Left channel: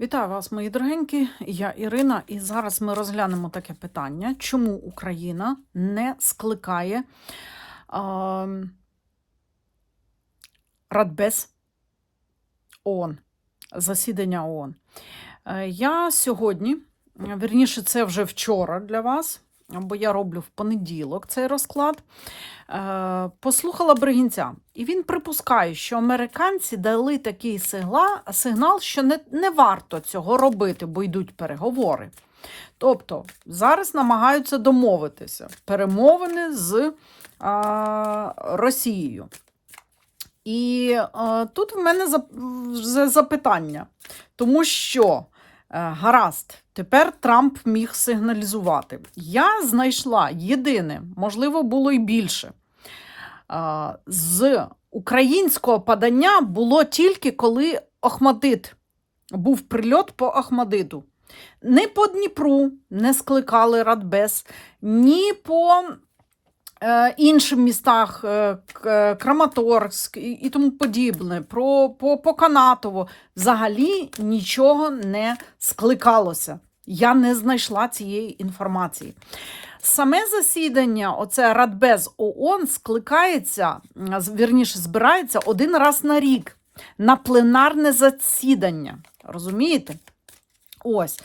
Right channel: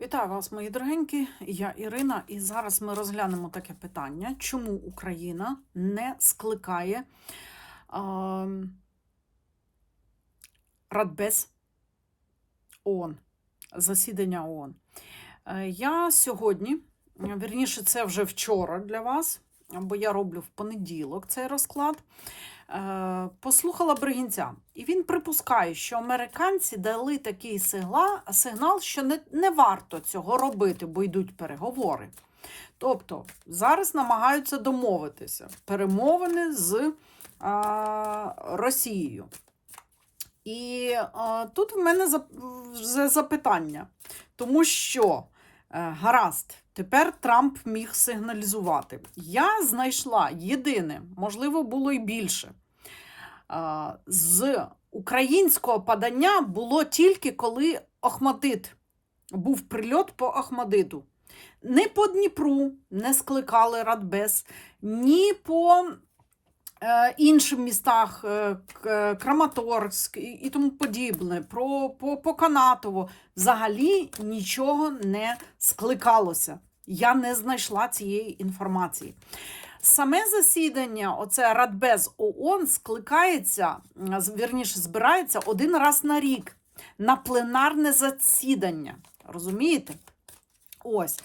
Вітаю вас, мої дорогенькі. Я Ірина, і зараз ми розглянемо таке питання, чому Україна не скликає е, Радбез ООН, засідання ООН. Е, Я сьогодні, вірніше, це вже вчора для вас, бо я роблю в понеділок цей розклад. е, Послухала Бригінця, і він припускає, що американці дали такий сигнал, що не, не варто цього робити, бо йдуть переговори. Тобто зараз намагаються домовитися перемовини з а, Росією. І е, тут в мене вже запитання, тому що е, гаразд, тепер Трамп міг сигналізувати. Я знайшла єдине, можливо, було й більше. Е, з українського подання було тільки коли Охмадит був прильот по Ахмадиту. Ні по Дніпру не скликали Радбез, ні по е, іншим містах, е, Краматорськ і, і тому подібне, про, по, по Канатово. Взагалі нічого не скликалося. Я не знайшла цієї інформації. Саме засідання, оце Радбез ООН, скликається, вірніше, збирається один раз на рік на пленарне засідання. Розумієте? Ось.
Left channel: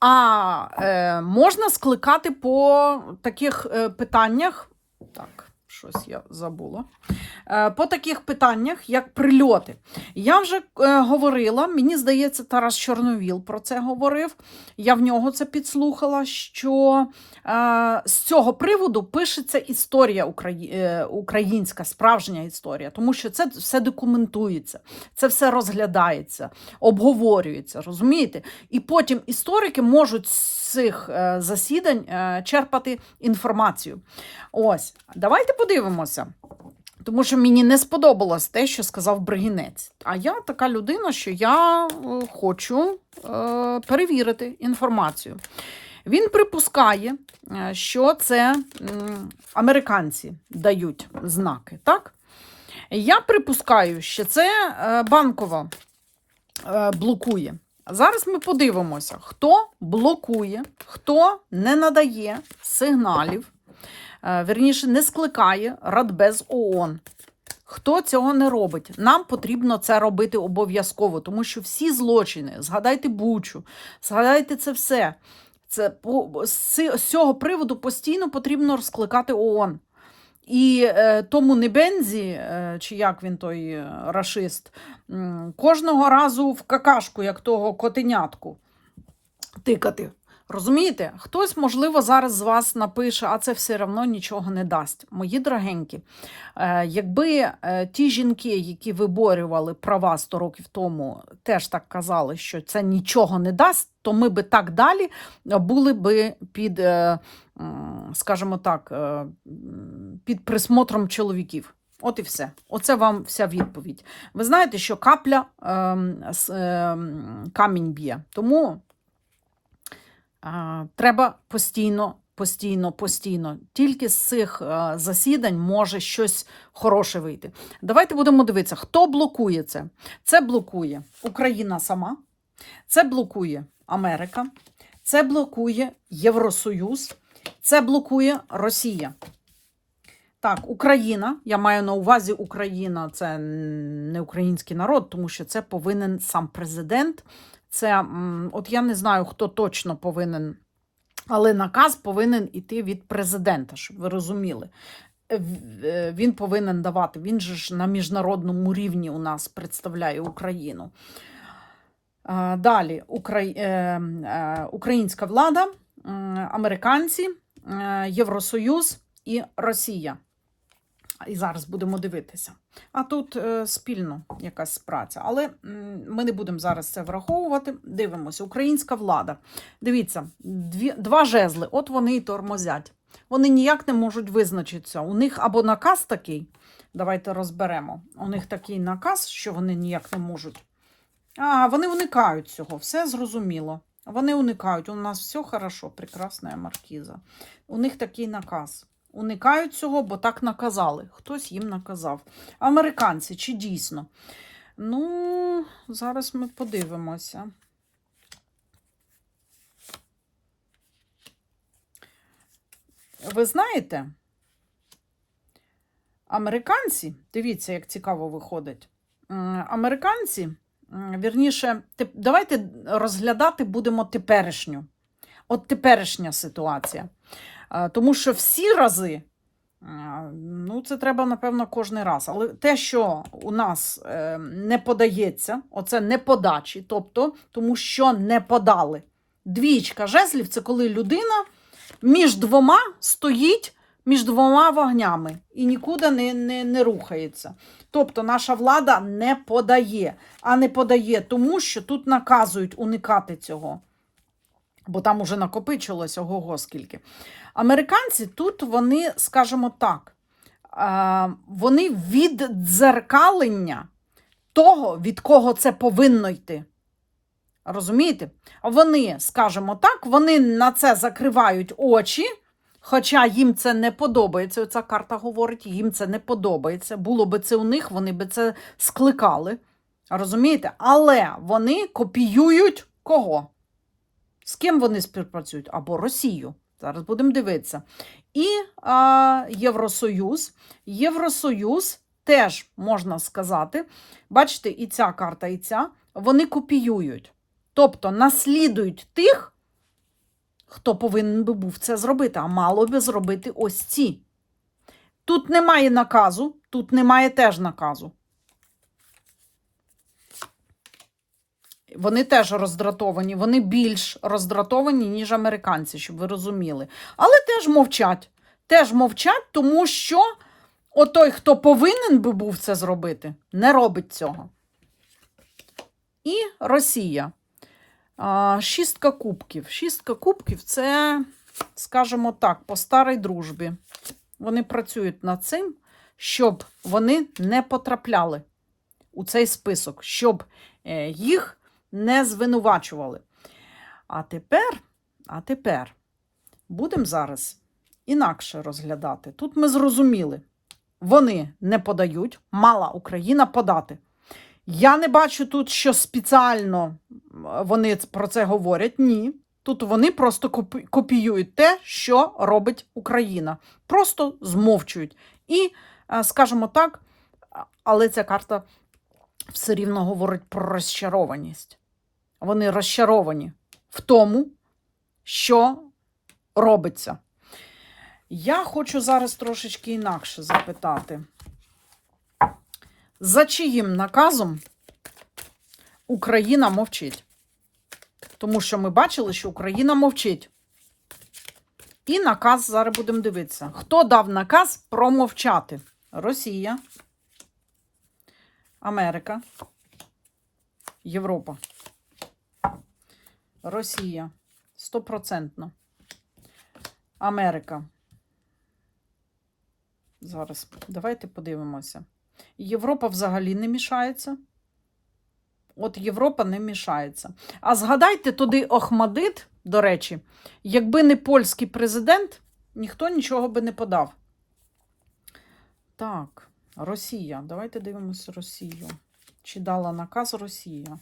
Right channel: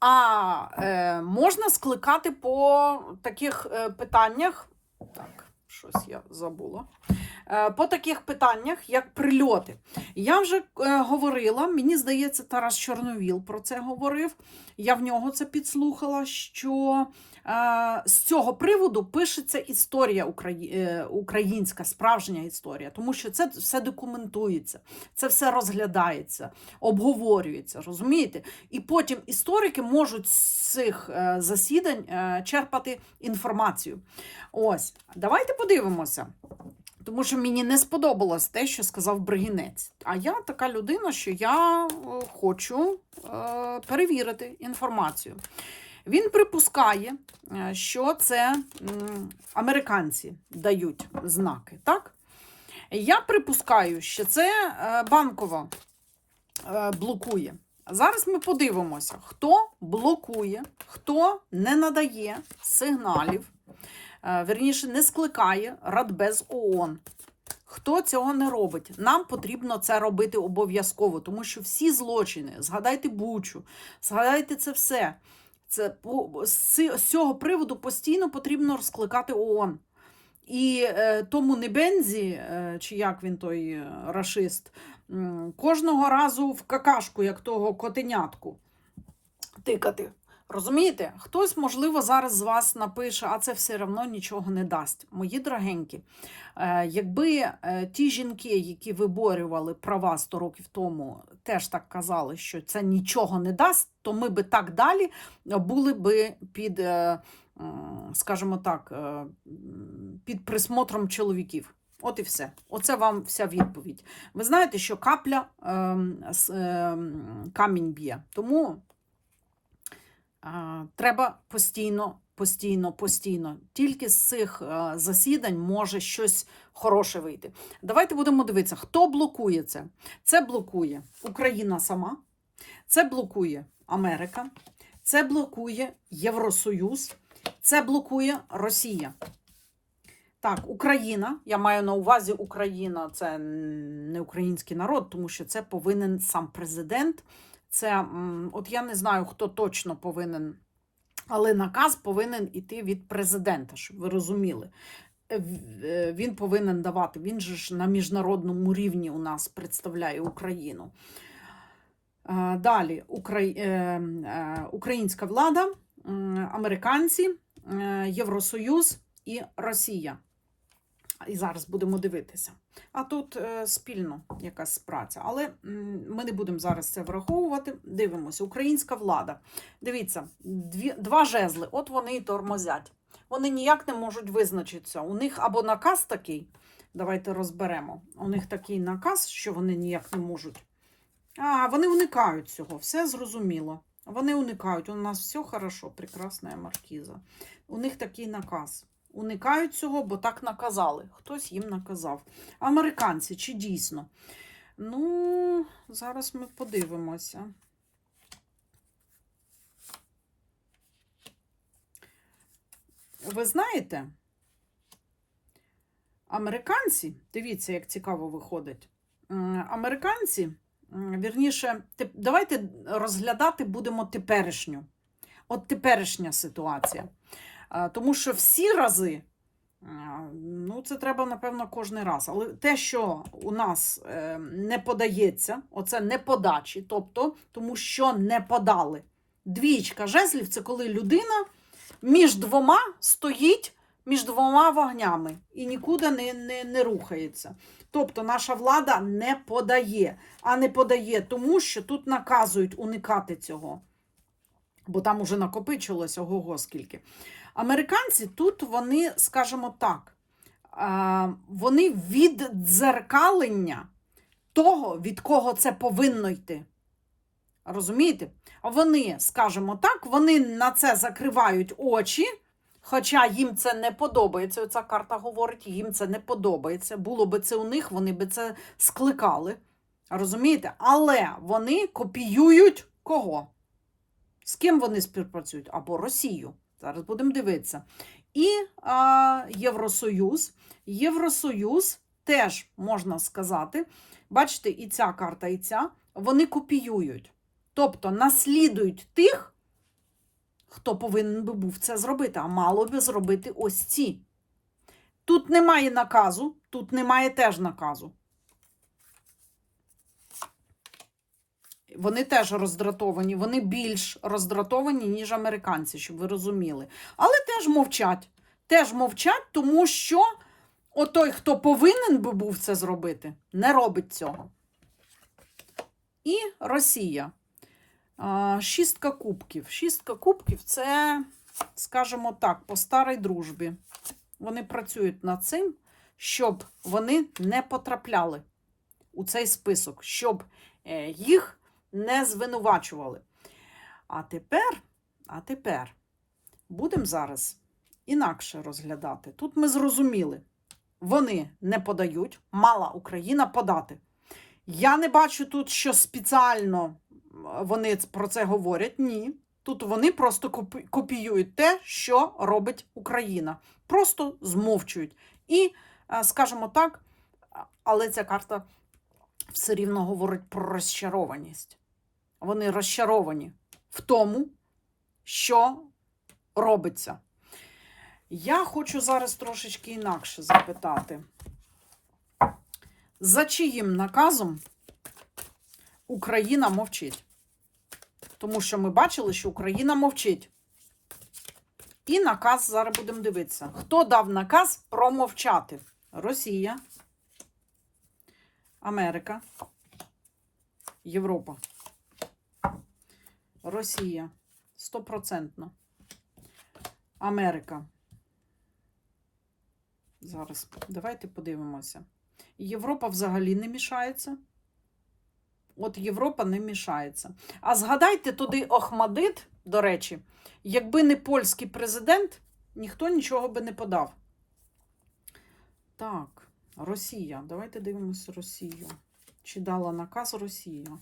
А е, можна скликати по таких е, питаннях. Так, щось я забула. Е, по таких питаннях, як прильоти. Я вже е, говорила, мені здається, Тарас Чорновіл про це говорив. Я в нього це підслухала, що е, з цього приводу пишеться історія українська, справжня історія, тому що це все документується, це все розглядається, обговорюється, розумієте? І потім історики можуть цих е, засідань е, черпати інформацію. Ось, давайте подивимося. Тому що мені не сподобалось те, що сказав Бригінець. А я така людина, що я хочу е, перевірити інформацію. Він припускає, що це американці дають знаки, так? Я припускаю, що це банкова е, блокує. Зараз ми подивимося, хто блокує, хто не надає сигналів, е, вірніше, не скликає Радбез ООН. Хто цього не робить? Нам потрібно це робити обов'язково, тому що всі злочини, згадайте Бучу, згадайте це все. Це з цього приводу постійно потрібно розкликати ООН. І е, тому Небензі, е, чи як він той е, рашист, кожного разу в какашку, як того котенятку, тикати. Розумієте? Хтось, можливо, зараз з вас напише, а це все одно нічого не дасть. Мої дорогенькі, е, якби е, ті жінки, які виборювали права 100 років тому, теж так казали, що це нічого не дасть, то ми би так далі були би під, е, скажімо так, під присмотром чоловіків. От і все. Оце вам вся відповідь. Ви знаєте, що капля с- ем, камінь б'є. Тому е, треба постійно, постійно, постійно. Тільки з цих е, засідань може щось хороше вийти. Давайте будемо дивитися, хто блокує це. Це блокує Україна сама, це блокує Америка, це блокує Євросоюз, це блокує Росія. Так, Україна, я маю на увазі Україна, це не український народ, тому що це повинен сам президент. Це, от я не знаю, хто точно повинен, але наказ повинен іти від президента, щоб ви розуміли. Е, е, Він повинен давати. Він же ж на міжнародному рівні у нас представляє Україну. Далі е, українська влада, американці, Євросоюз і Росія. І зараз будемо дивитися. А тут е, спільно якась праця. Але ми не будемо зараз це враховувати. Дивимося, українська влада. Дивіться, дві, два жезли, от вони і тормозять. Вони ніяк не можуть визначитися. У них або наказ такий, давайте розберемо. У них такий наказ, що вони ніяк не можуть. А, вони уникають цього, все зрозуміло. Вони уникають. У нас все хорошо, прекрасна маркіза. У них такий наказ. Уникають цього, бо так наказали. Хтось їм наказав. Американці чи дійсно? Ну, зараз ми подивимося. Ви знаєте, американці, дивіться, як цікаво виходить. Американці, вірніше, давайте розглядати будемо теперішню. От теперішня ситуація. Тому що всі рази, ну, це треба, напевно, кожен раз. Але те, що у нас е, не подається, оце не подачі, тобто, тому що не подали. Двічка жезлів це коли людина між двома стоїть між двома вогнями і нікуди не, не, не рухається. Тобто наша влада не подає, а не подає тому, що тут наказують уникати цього. Бо там уже накопичилось ого скільки. Американці тут вони, скажімо так, е, вони від дзеркалення того, від кого це повинно йти. Розумієте? Вони, скажімо так, вони на це закривають очі, хоча їм це не подобається. Ця карта говорить, їм це не подобається. Було би це у них, вони би це скликали. Розумієте? Але вони копіюють кого? З ким вони співпрацюють? Або Росію. Зараз будемо дивитися. І а, Євросоюз. Євросоюз теж можна сказати, бачите, і ця карта, і ця, вони копіюють. Тобто наслідують тих, хто повинен би був це зробити, а мало би зробити ось ці. Тут немає наказу, тут немає теж наказу. Вони теж роздратовані, вони більш роздратовані, ніж американці, щоб ви розуміли. Але теж мовчать. Теж мовчать, тому що отой, хто повинен би був це зробити, не робить цього. І Росія. Шістка кубків. Шістка кубків це, скажімо так, по старій дружбі. Вони працюють над цим, щоб вони не потрапляли у цей список, щоб е, їх не звинувачували. А тепер, а тепер будемо зараз інакше розглядати. Тут ми зрозуміли, вони не подають, мала Україна подати. Я не бачу тут, що спеціально вони про це говорять. Ні. Тут вони просто копіюють те, що робить Україна. Просто змовчують. І, е, скажімо так, але ця карта все рівно говорить про розчарованість. Вони розчаровані в тому, що робиться. Я хочу зараз трошечки інакше запитати. За чиїм наказом Україна мовчить? Тому що ми бачили, що Україна мовчить. І наказ зараз будемо дивитися. Хто дав наказ промовчати? Росія, Америка, Європа. Росія. Стопроцентно. Америка. Зараз давайте подивимося. Європа взагалі не мішається. От Європа не мішається. А згадайте туди Охмадит, до речі, якби не польський президент, ніхто нічого би не подав. Так, Росія. Давайте дивимося Росію. Чи дала наказ Росія?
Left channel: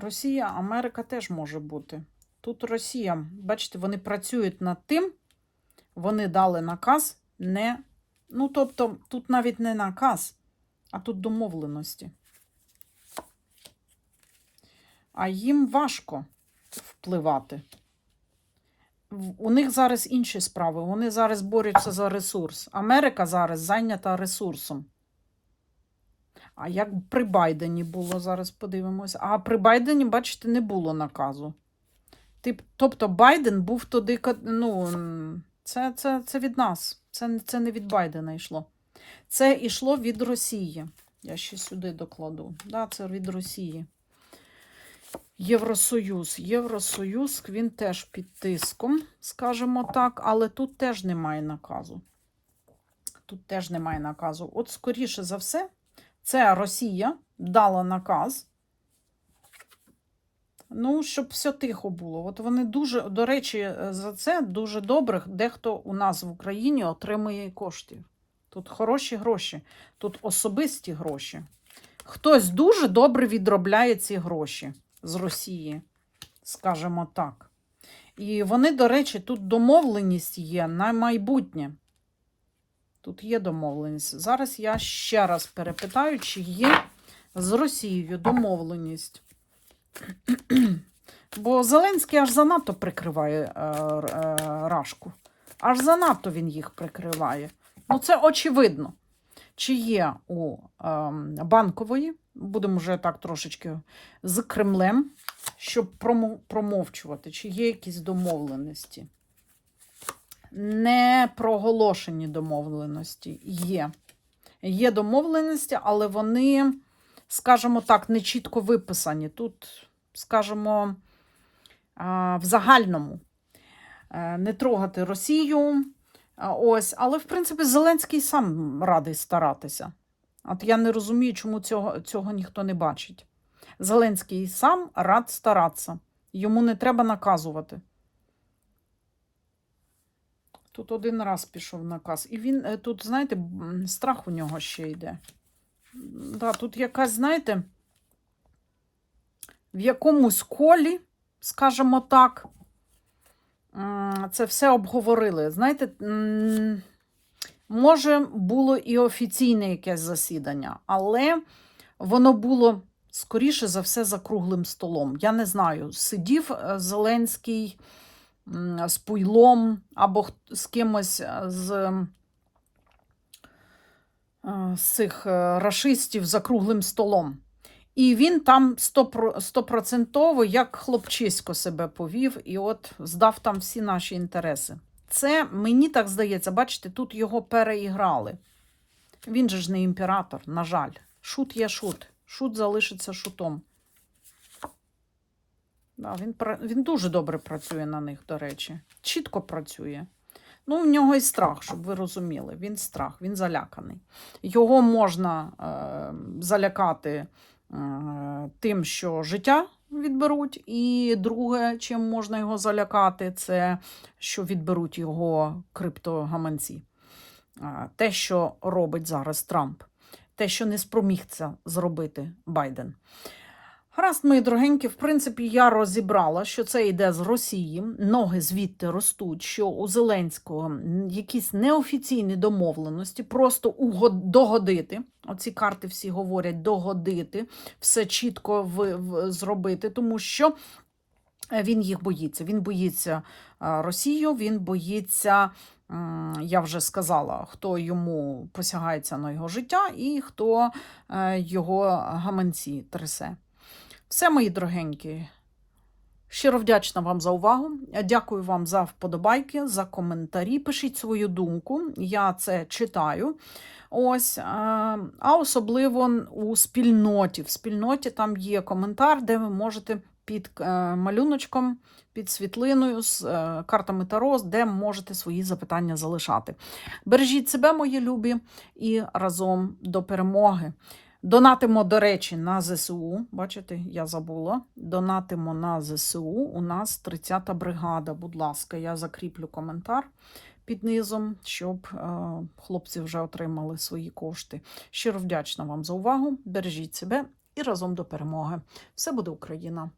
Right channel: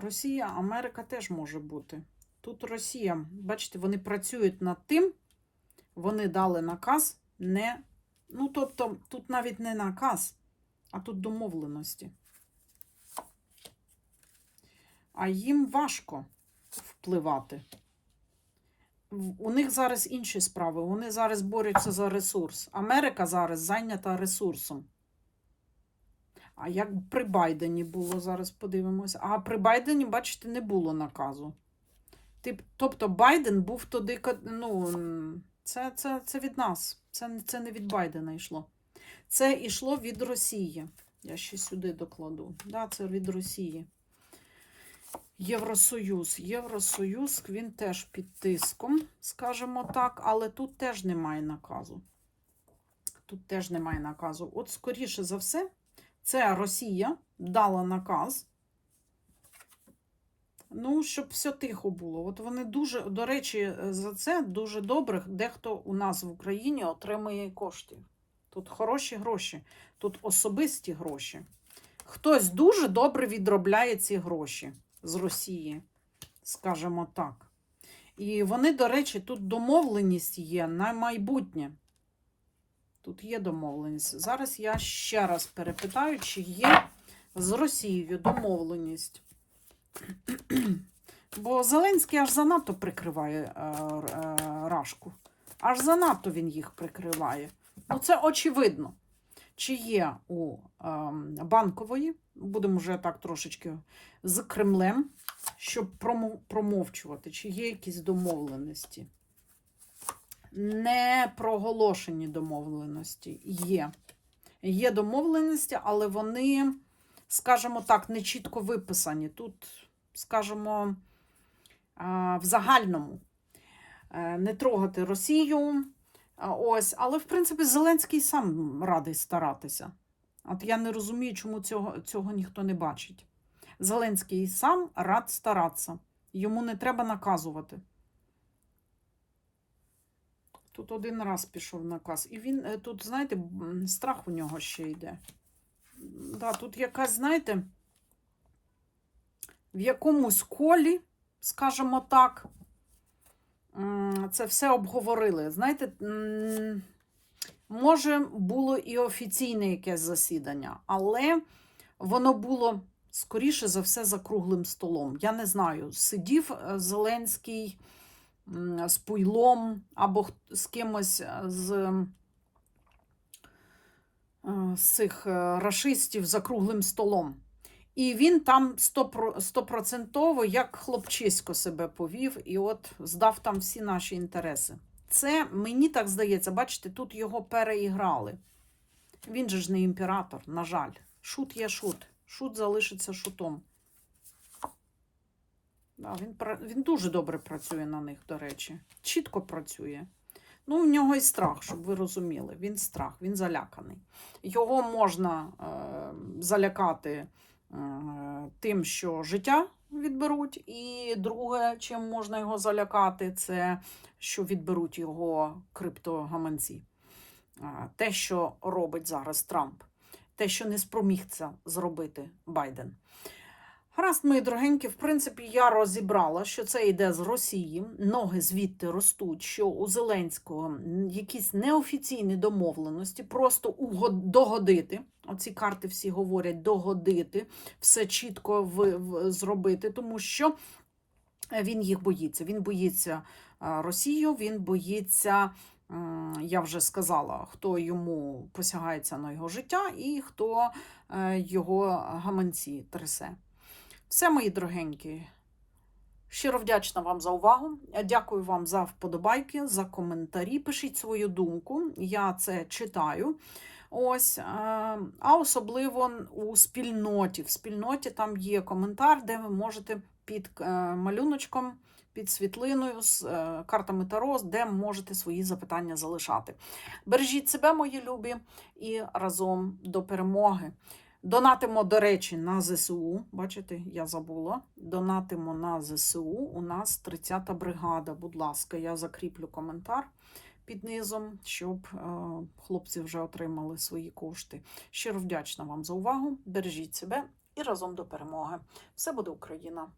Росія, Америка теж може бути. Тут Росія, бачите, вони працюють над тим, вони дали наказ не. Ну, тобто, тут навіть не наказ, а тут домовленості. А їм важко впливати. У них зараз інші справи. Вони зараз борються за ресурс. Америка зараз зайнята ресурсом. А як при Байдені було, зараз подивимося. А при Байдені, бачите, не було наказу. Тобто Байден був туди, ну, це, це, це від нас. Це, це не від Байдена йшло. Це йшло від Росії. Я ще сюди докладу. Да, це від Росії. Євросоюз. Євросоюз, він теж під тиском, скажімо так, але тут теж немає наказу. Тут теж немає наказу. От, скоріше за все, це Росія дала наказ. Ну, щоб все тихо було. От вони дуже, до речі, за це дуже добре. Дехто у нас в Україні отримує коштів. Тут хороші гроші, тут особисті гроші. Хтось дуже добре відробляє ці гроші з Росії, скажімо так. І вони, до речі, тут домовленість є на майбутнє. Тут є домовленість. Зараз я ще раз перепитаю, чи є з Росією домовленість. Бо Зеленський аж занадто прикриває е, е, Рашку. Аж занадто він їх прикриває. Ну, це очевидно. Чи є у ем, банкової, будемо вже так трошечки з Кремлем, щоб промовчувати, чи є якісь домовленості. Не проголошені домовленості є. Є домовленості, але вони, скажімо так, не чітко виписані. Тут, скажімо, в загальному Е, не трогати Росію. Ось, але в принципі Зеленський сам радий старатися. От я не розумію, чому цього, цього ніхто не бачить. Зеленський сам рад старатися. Йому не треба наказувати. Тут один раз пішов наказ. І він е, тут, знаєте, страх у нього ще йде. Да, тут якась, знаєте, в якомусь колі, скажімо так, це все обговорили. Знаєте, може, було і офіційне якесь засідання, але воно було скоріше за все за круглим столом. Я не знаю, сидів е, Зеленський з Пуйлом або з кимось е, з, е, з цих е, рашистів за круглим столом. І він там стопроцентово, як хлопчисько себе повів, і от здав там всі наші інтереси. Це мені так здається, бачите, тут його переіграли. Він же ж не імператор, на жаль. Шут є шут. Шут залишиться шутом. Да, він, він дуже добре працює на них, до речі. Чітко працює. Ну, в нього і страх, щоб ви розуміли. Він страх, він заляканий. Його можна е, залякати е, тим, що життя відберуть. І друге, чим можна його залякати, це що відберуть його криптогаманці. А, Те, що робить зараз Трамп, те, що не спроміг це зробити Байден. Гаразд, мої дорогенькі, в принципі, я розібрала, що це йде з Росії, ноги звідти ростуть, що у Зеленського якісь неофіційні домовленості, просто угод- догодити. Оці карти всі говорять догодити, все чітко в, в, зробити, тому що е, він їх боїться. Він боїться е, Росію, він боїться. Я вже сказала, хто йому посягається на його життя і хто е, його гаманці трясе. Все, мої дорогенькі. Щиро вдячна вам за увагу. Дякую вам за вподобайки, за коментарі. Пишіть свою думку, я це читаю. Ось, а особливо у спільноті. В спільноті там є коментар, де ви можете під е, малюночком, під світлиною з е, картами Таро, де можете свої запитання залишати. Бережіть себе, мої любі, і разом до перемоги. Донатимо, до речі, на ЗСУ. Бачите, я забула. Донатимо на ЗСУ. У нас 30-та бригада. Будь ласка, я закріплю коментар під низом, щоб е, хлопці вже отримали свої кошти. Щиро вдячна вам за увагу. Бережіть себе і разом до перемоги. Все буде Україна!